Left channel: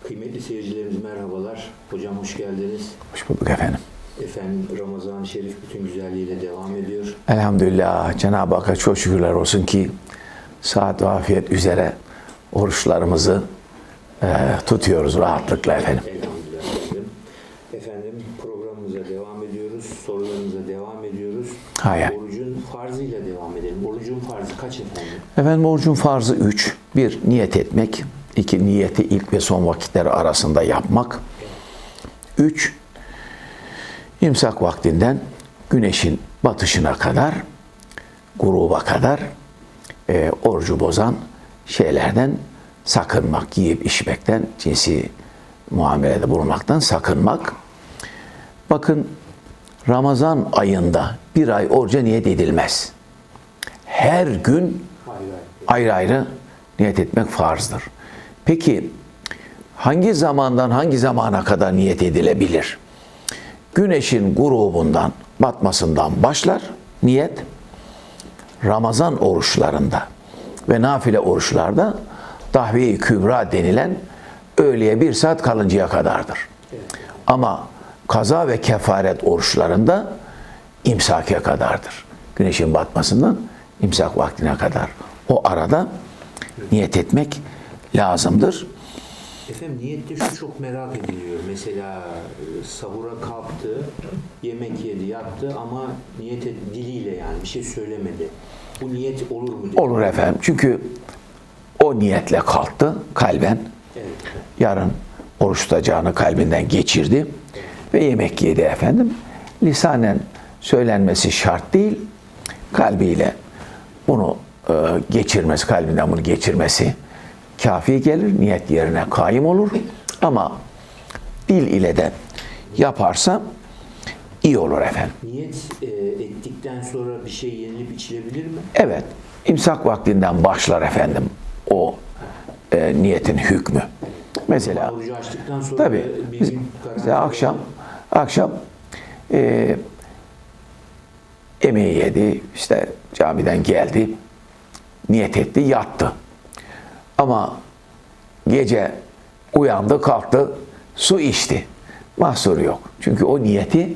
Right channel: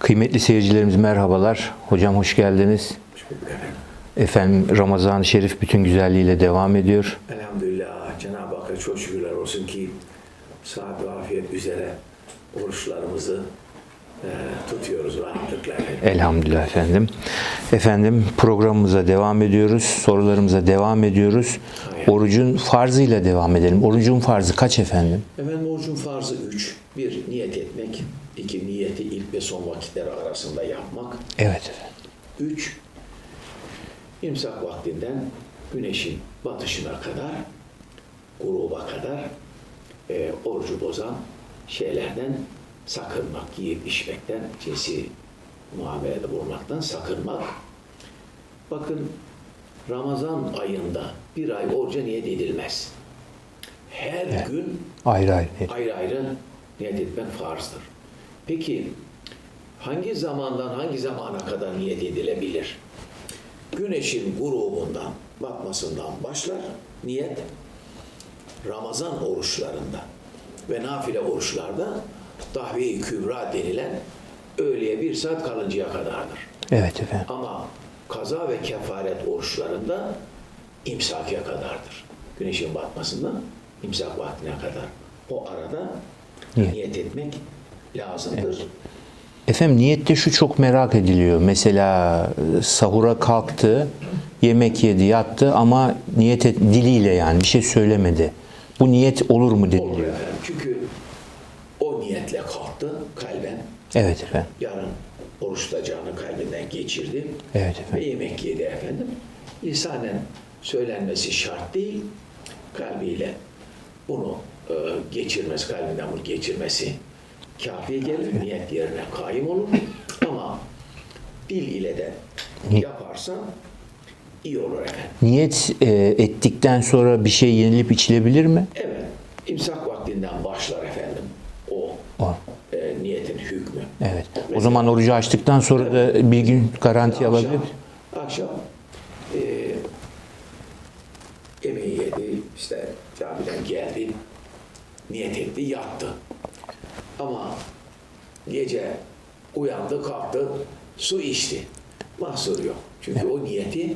Kıymetli seyircilerimiz merhabalar. Hocam hoş geldiniz. Hoş bulduk efendim. Efendim Ramazan-ı Şerif bütün güzelliğiyle devam ediyor. Elhamdülillah Cenab-ı Hakk'a çok şükürler olsun ki saat ve afiyet üzere oruçlarımızı e, tutuyoruz rahatlıkla efendim. Elhamdülillah efendim. Efendim programımıza devam ediyoruz. Sorularımıza devam ediyoruz. Hay hay. Orucun farzıyla devam edelim. Orucun farzı kaç efendim? Efendim orucun farzı üç. Bir, niyet etmek. İki niyeti ilk ve son vakitleri arasında yapmak. Evet. Üç, imsak vaktinden güneşin batışına kadar, gruba kadar e, orucu bozan şeylerden sakınmak, yiyip içmekten, cinsi muamelede bulunmaktan sakınmak. Bakın Ramazan ayında bir ay oruca niyet edilmez. Her gün Ayrı ayrı. ayrı ayrı niyet etmek farzdır. Peki hangi zamandan hangi zamana kadar niyet edilebilir? Güneşin grubundan, batmasından başlar niyet. Ramazan oruçlarında ve nafile oruçlarda dahve-i kübra denilen öğleye bir saat kalıncaya kadardır. Evet efendim. Ama kaza ve kefaret oruçlarında imsake kadardır. Güneşin batmasından imsak vaktine kadar. O arada niyet etmek lazımdır. Efendim niyette şu çok merak ediliyor. Mesela e, sahura kalktı, yemek yedi, yattı ama niyet et, diliyle yani bir şey söylemedi. Bu niyet olur mu dedi. Olur efendim. Çünkü o niyetle kalktı kalben. Evet efendim. Yarın oruç tutacağını kalbinden geçirdi. Evet. Ve yemek yedi efendim. Lisanen söylenmesi şart değil. Kalbiyle bunu e, geçirmesi, kalbinden bunu geçirmesi kafi gelir. Niyet yerine kaim olur. Ama dil ile de yaparsa iyi olur efendim. Niyet e, ettikten sonra bir şey yenilip içilebilir mi? Evet. imsak vaktinden başlar efendim o e, niyetin hükmü. Evet. o Mesela- zaman orucu açtıktan sonra Tabii. da bir gün garanti Mesela akşam, alabilir. akşam e, yemeği yedi, işte camiden geldi, niyet etti, yattı. Ama gece uyandı, kalktı, su içti. Mahsur yok. Çünkü o niyeti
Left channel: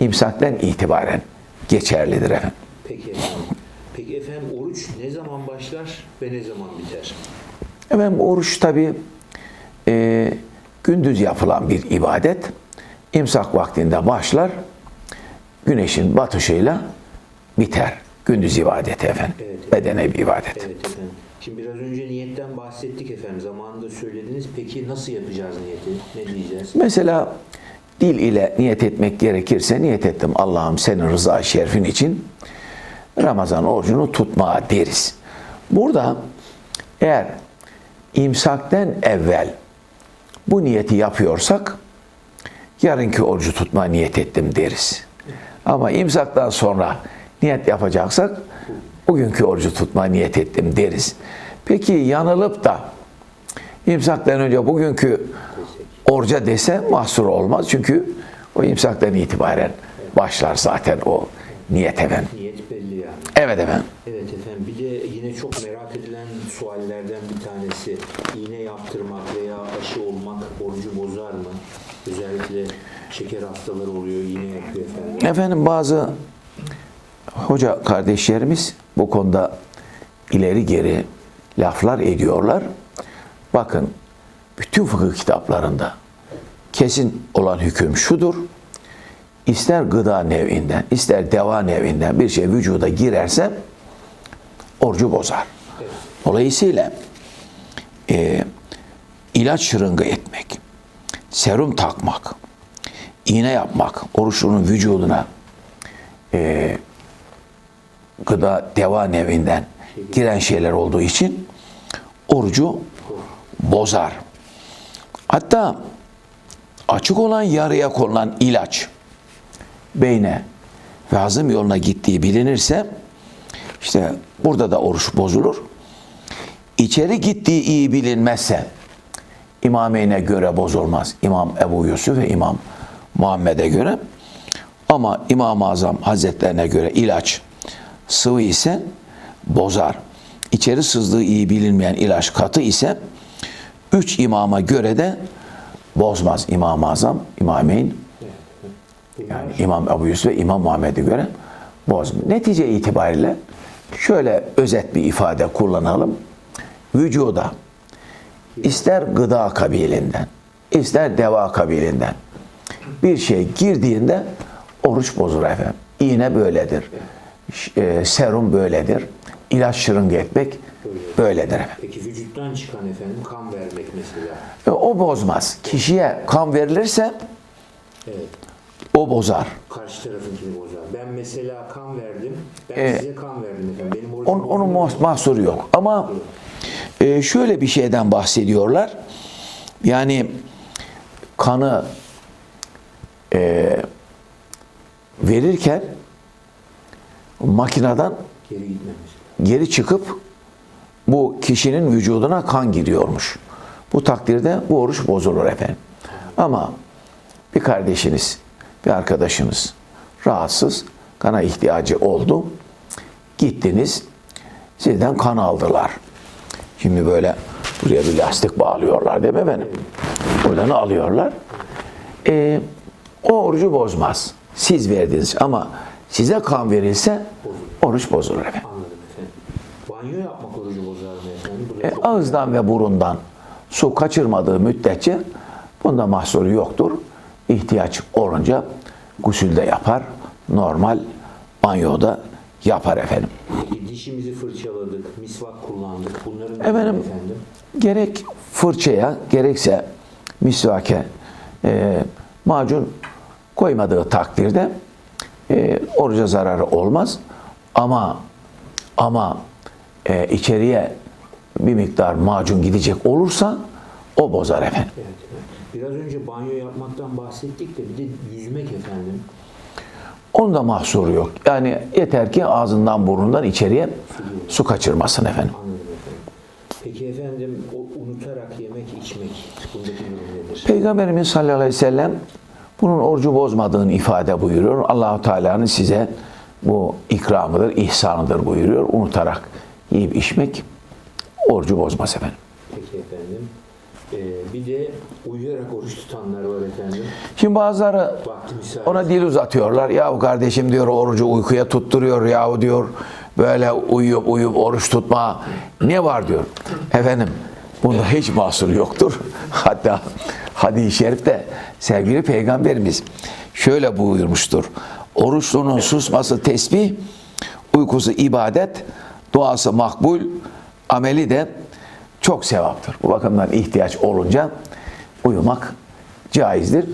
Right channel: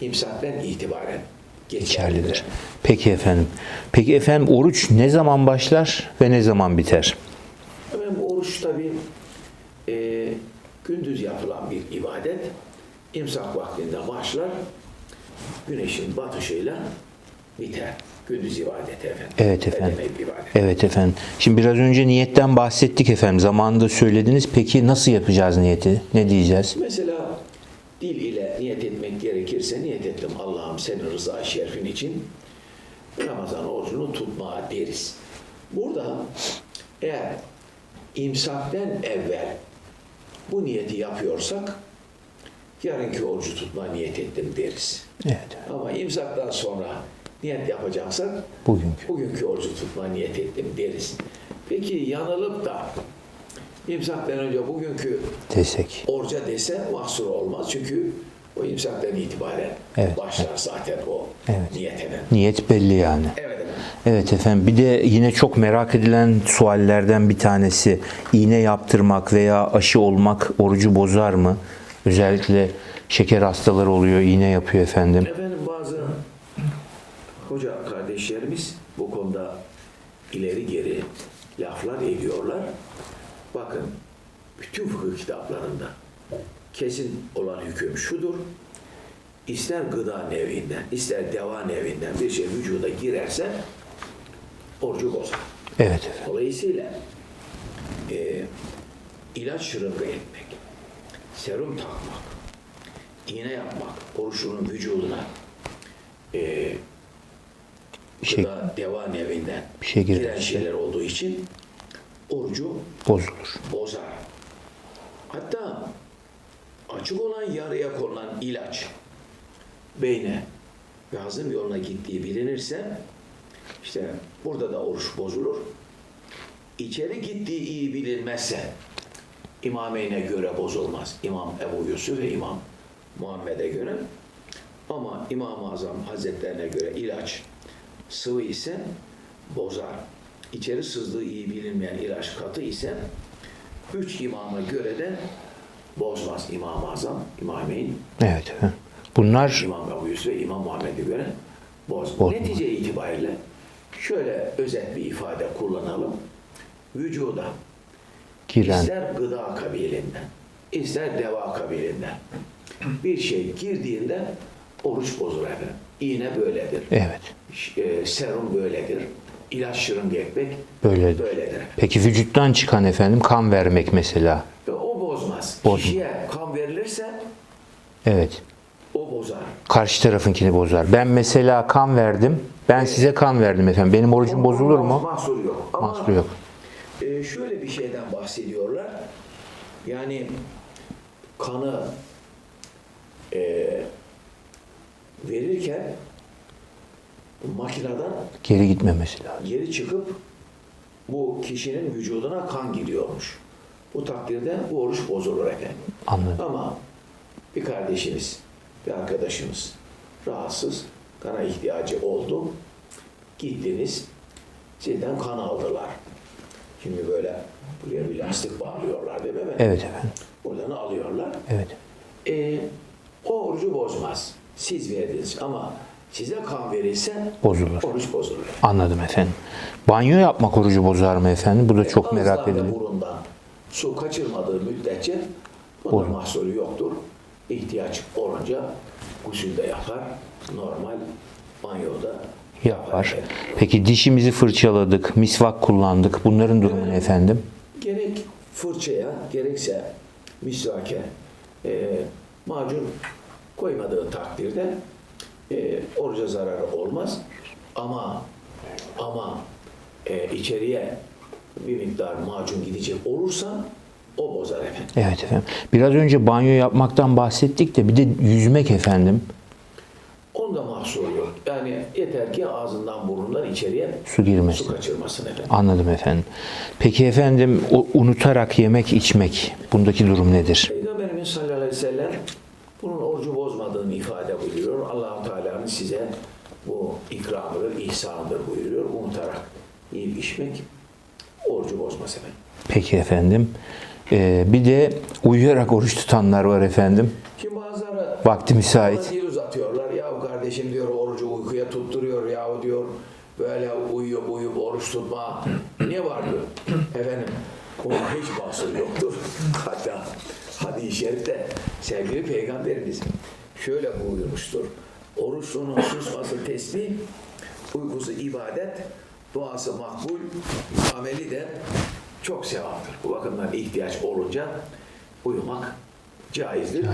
imsakten itibaren geçerlidir efendim. Peki efendim. Peki efendim oruç ne zaman başlar ve ne zaman biter? Efendim oruç tabi e, gündüz yapılan bir ibadet. İmsak vaktinde başlar, güneşin batışıyla biter. Gündüz ibadeti efendim. Evet efendim. Bedene bir ibadet. Evet efendim. Şimdi biraz önce niyetten bahsettik efendim. Zamanında söylediniz. Peki nasıl yapacağız niyeti? Ne diyeceğiz? Mesela dil ile niyet etmek gerekirse niyet ettim Allah'ım senin rıza şerifin için Ramazan orucunu tutma deriz. Burada eğer imsakten evvel bu niyeti yapıyorsak yarınki orucu tutma niyet ettim deriz. Evet. Ama imsaktan sonra niyet yapacaksak Bugünkü. bugünkü orucu tutma niyet ettim deriz. Peki yanılıp da imsaktan önce bugünkü Desek. Orca dese mahsur olmaz. Çünkü o imsaktan itibaren Evet. başlar zaten o niyet efendim. Niyet belli yani. Evet efendim. Evet efendim. Bir de yine çok merak edilen suallerden bir tanesi iğne yaptırmak veya aşı olmak orucu bozar mı? Özellikle şeker hastaları oluyor, iğne yapıyor efendim. Efendim bazı hoca kardeşlerimiz bu konuda ileri geri laflar ediyorlar. Bakın bütün fıkıh kitaplarında kesin olan hüküm şudur. İster gıda nevinden, ister deva nevinden bir şey vücuda girerse orucu bozar. Evet. Dolayısıyla e, ilaç şırıngı etmek, serum takmak, iğne yapmak, oruçlunun vücuduna e, gıda deva nevinden şey giren şeyler olduğu için orucu Bozulur. bozar. Hatta açık olan yarıya konulan ilaç beyne ve hazım yoluna gittiği bilinirse işte burada da oruç bozulur. İçeri gittiği iyi bilinmezse İmameyne göre bozulmaz. İmam Ebu Yusuf ve İmam Muhammed'e göre. Ama İmam-ı Azam Hazretlerine göre ilaç sıvı ise bozar. İçeri sızdığı iyi bilinmeyen ilaç katı ise üç imama göre de bozmaz İmam-ı Azam, İmameyn, Evet. Bunlar İmam Ebu Yusuf ve İmam Muhammed'e göre bozmaz. Netice itibariyle şöyle özet bir ifade kullanalım. Vücuda giren, ister gıda kabilinden, ister deva kabilinden bir şey girdiğinde oruç bozulur efendim. İğne böyledir. Evet. E, serum böyledir. İlaç şırınga etmek Böyledir. böyledir efendim. Peki vücuttan çıkan efendim kan vermek mesela. E, O bozmaz. Kişiye kan verilirse Evet. o bozar. Karşı tarafınkini bozar. Ben mesela kan verdim. Ben Evet. size kan verdim efendim. Benim orucum bozulur onun mu? mahs- mahsuru yok. Ama Mahsuru yok. e, şöyle bir şeyden bahsediyorlar. Yani kanı e, verirken makineden Geri gitmemesi lazım. geri çıkıp bu kişinin vücuduna kan giriyormuş. Bu takdirde bu oruç bozulur efendim. Anladım. Ama bir kardeşiniz, bir arkadaşınız rahatsız, kana ihtiyacı oldu. Gittiniz, sizden kan aldılar. Şimdi böyle buraya bir lastik bağlıyorlar değil mi efendim? Evet. Buradan alıyorlar. Ee, o orucu bozmaz. Siz verdiniz ama size kan verilse Bozulur. oruç bozulur efendim. Anladım efendim. Banyo yapmak orucu bozar mı efendim? Bu da çok merak E, Ağızdan ve ediyorum. burundan su kaçırmadığı müddetçe bunda mahsuru yoktur. İhtiyaç olunca gusülde yapar. Normal banyoda yapar efendim. Peki dişimizi fırçaladık, misvak kullandık. Bunların durumu Efendim? ne efendim? Gerek fırçaya gerekse misvake e, macun koymadığı takdirde e, oruca zararı olmaz. Ama ama e, içeriye bir miktar macun gidecek olursa o bozar efendim. Evet efendim. Biraz önce banyo yapmaktan bahsettik de bir de yüzmek efendim. Onun da mahsuru yok. Yani yeter ki ağzından burnundan içeriye Su girmesin. su kaçırmasın efendim. Anladım efendim. Peki efendim o unutarak yemek içmek bundaki durum nedir? Peygamberimiz sallallahu aleyhi ve sellem bunun orucu bozmadığını ifade buyuruyor. Allahu Teala'nın size bu ikramıdır, ihsanıdır buyuruyor. Unutarak yiyip içmek orucu bozmaz efendim. Peki efendim. Ee, bir de uyuyarak oruç tutanlar var efendim. Şimdi bazıları Vakti müsait. ona dil uzatıyorlar. Yahu kardeşim diyor orucu uykuya tutturuyor yahu diyor. Böyle uyuyup uyuyup oruç tutma ne var diyor. Efendim bunda hiç mahsur yoktur. Hatta hadis-i şerifte sevgili peygamberimiz şöyle buyurmuştur. Oruçlunun susması tesbih, uykusu ibadet, duası makbul, ameli de çok sevaptır. Bu bakımdan ihtiyaç olunca uyumak caizdir.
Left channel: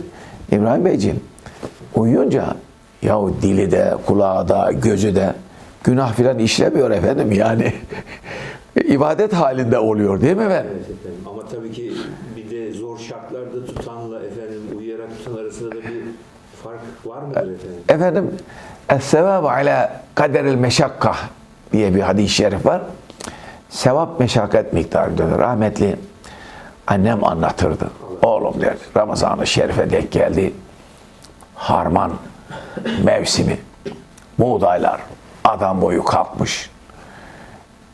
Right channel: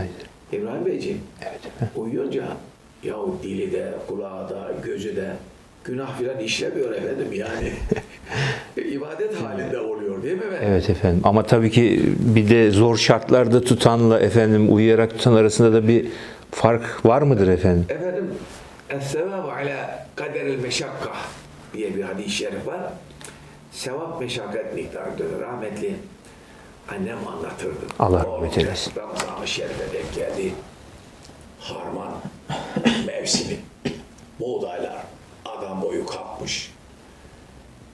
İbrahim Beyciğim, uyuyunca yahu dili de, kulağı da, gözü de günah filan işlemiyor efendim yani. ibadet halinde oluyor değil mi efendim? Evet efendim. Ama tabii ki bir de zor şartlarda tutanla efendim uyuyarak tutan arasında da bir fark var mıdır efendim? Efendim, Es-sevabu ala kaderil meşakka diye bir hadis-i şerif var. Sevap meşakkat miktarıdır. Rahmetli annem anlatırdı. Allah Oğlum der. Ramazan-ı Şerif'e denk geldi. Harman mevsimi. Buğdaylar adam boyu kalkmış.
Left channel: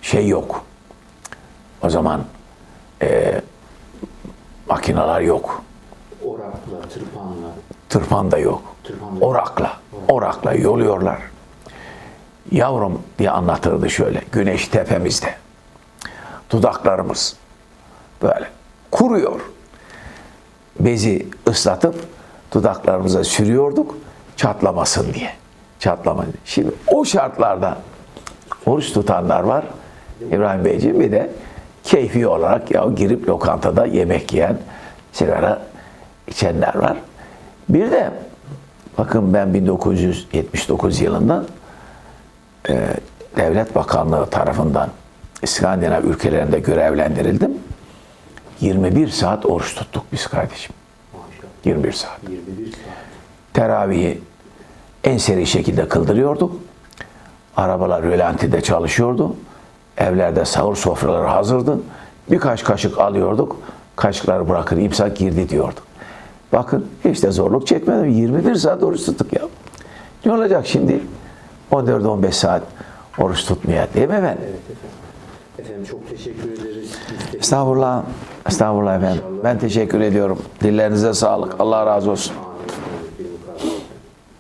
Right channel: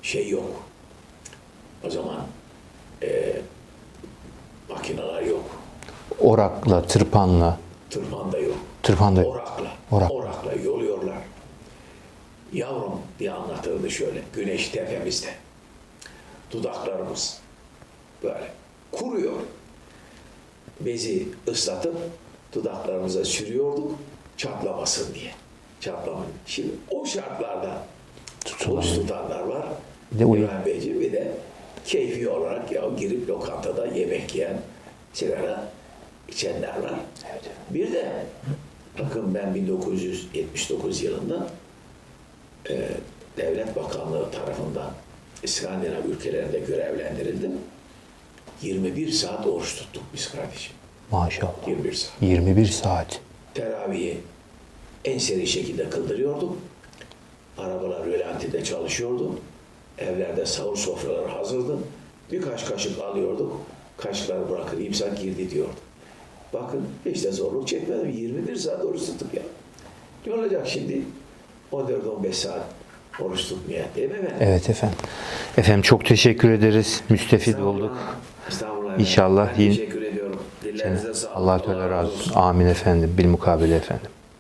Şey yok. O zaman e, makineler yok. Orakla, tırpanla. Tırpan da yok. Tırpan da yok. Orakla. Orak. Orakla yoluyorlar. Yavrum diye anlatırdı şöyle. Güneş tepemizde. Dudaklarımız böyle kuruyor. Bezi ıslatıp dudaklarımıza sürüyorduk çatlamasın diye. Çatlamayın. Şimdi o şartlarda oruç tutanlar var. İbrahim Beyciğim bir de keyfi olarak ya girip lokantada yemek yiyen, sigara içenler var. Bir de bakın ben 1979 yılında e, Devlet Bakanlığı tarafından İskandinav ülkelerinde görevlendirildim. 21 saat oruç tuttuk biz kardeşim. Maşallah. 21 saat. 21 saat. Teravihi en seri şekilde kıldırıyorduk. Arabalar rölantide çalışıyordu. Evlerde sahur sofraları hazırdı. Birkaç kaşık alıyorduk. Kaşıkları bırakır imsak girdi diyorduk. Bakın hiç de zorluk çekmedim. 21 saat oruç tuttuk ya. Ne olacak şimdi? 14-15 saat oruç tutmaya değil mi efendim? Evet efendim. Efendim çok teşekkür ederiz. Müstefid Estağfurullah. Estağfurullah efendim. İnşallah Ben yeni- teşekkür ediyorum. Dillerinize sağlık. Allah razı olsun. Amin efendim. Bilmukabele efendim.